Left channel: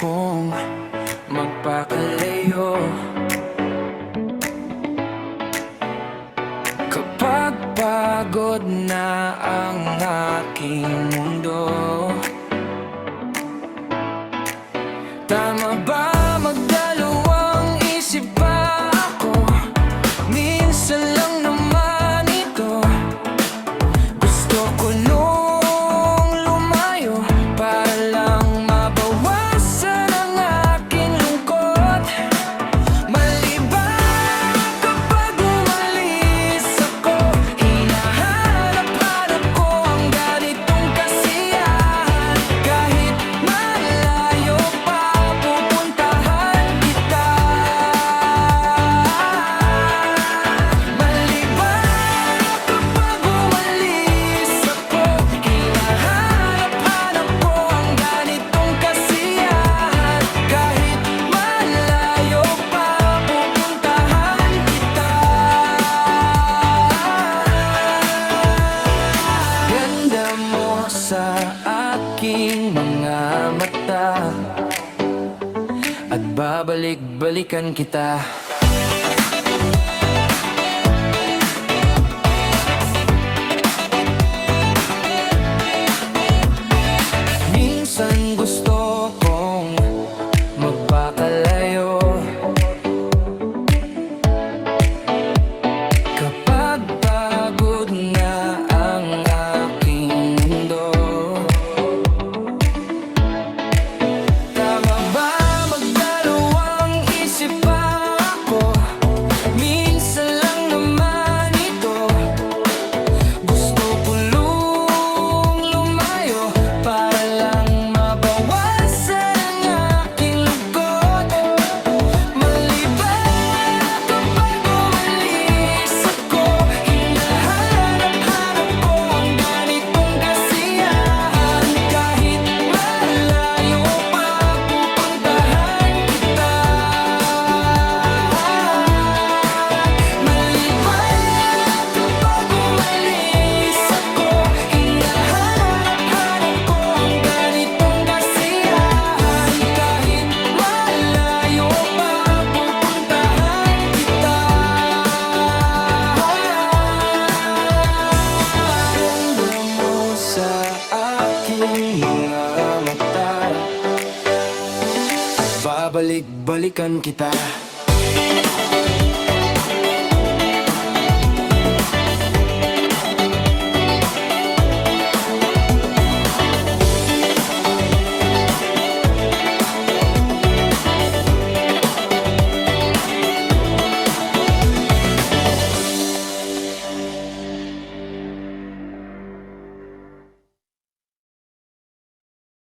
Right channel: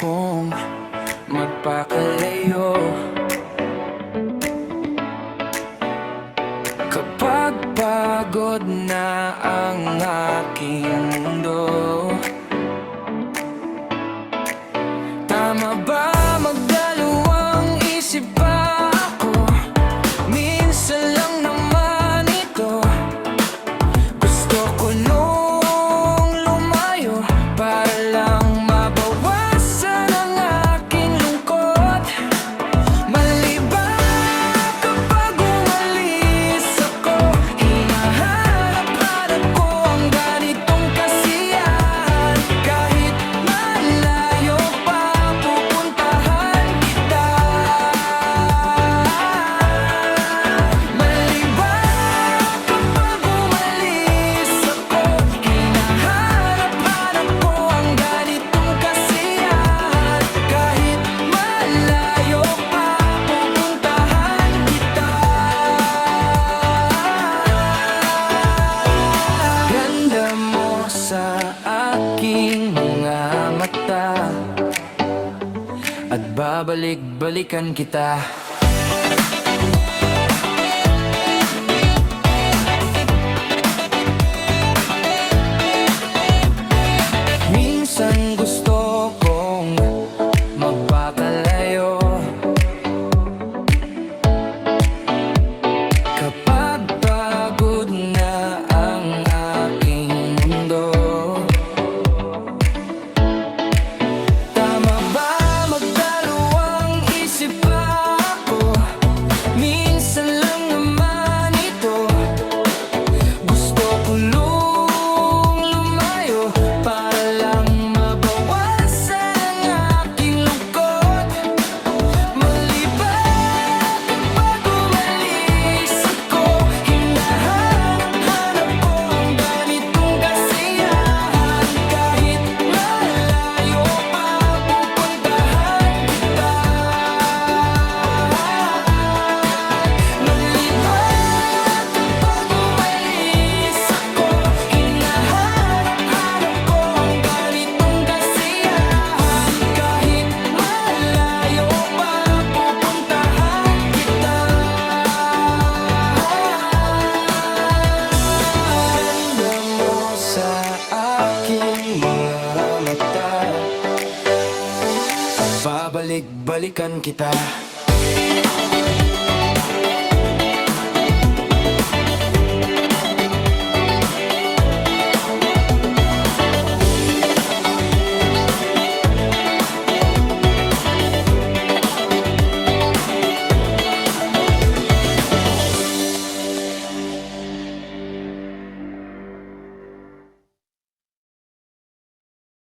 kong magpakalayo. Kapag pagod na ang aking mundo, tama ba magdalawang isip pa ako? Minsan lang naman ito. Gusto ko nung lumayo para lang mabawasan ang aking lungkot. Mali ba kapag umalis ako? Hinahanap-hanap ko ang ganitong kasiyahan. Kahit malayo pa, pupuntahan kita. Mali ba kapag umalis ako? Hinahanap-hanap ko ang ganitong kasiyahan. Kahit malayo pa, pupuntahan kita. Ganda mo sa aking mga mata, at babalik-balikan kita. Minsan gusto kong magpakalayo. Kapag pagod na ang aking mundo, tama ba magdalawang isip pa ako? Minsan lang naman ito. Gusto ko lumayo para lang mabawasan ang aking lungkot. Mali ba kapag umalis ako? Hinahanap-hanap ko ang ganitong kasiyahan. Kahit malayo pa, pupuntahan kita. Mali ba kapag umalis ako? Hinahanap-hanap ko ang ganitong kasiyahan. Kahit malayo pa, pupuntahan kita. Ganda mo sa aking mga mata, at babalik-balikan kita.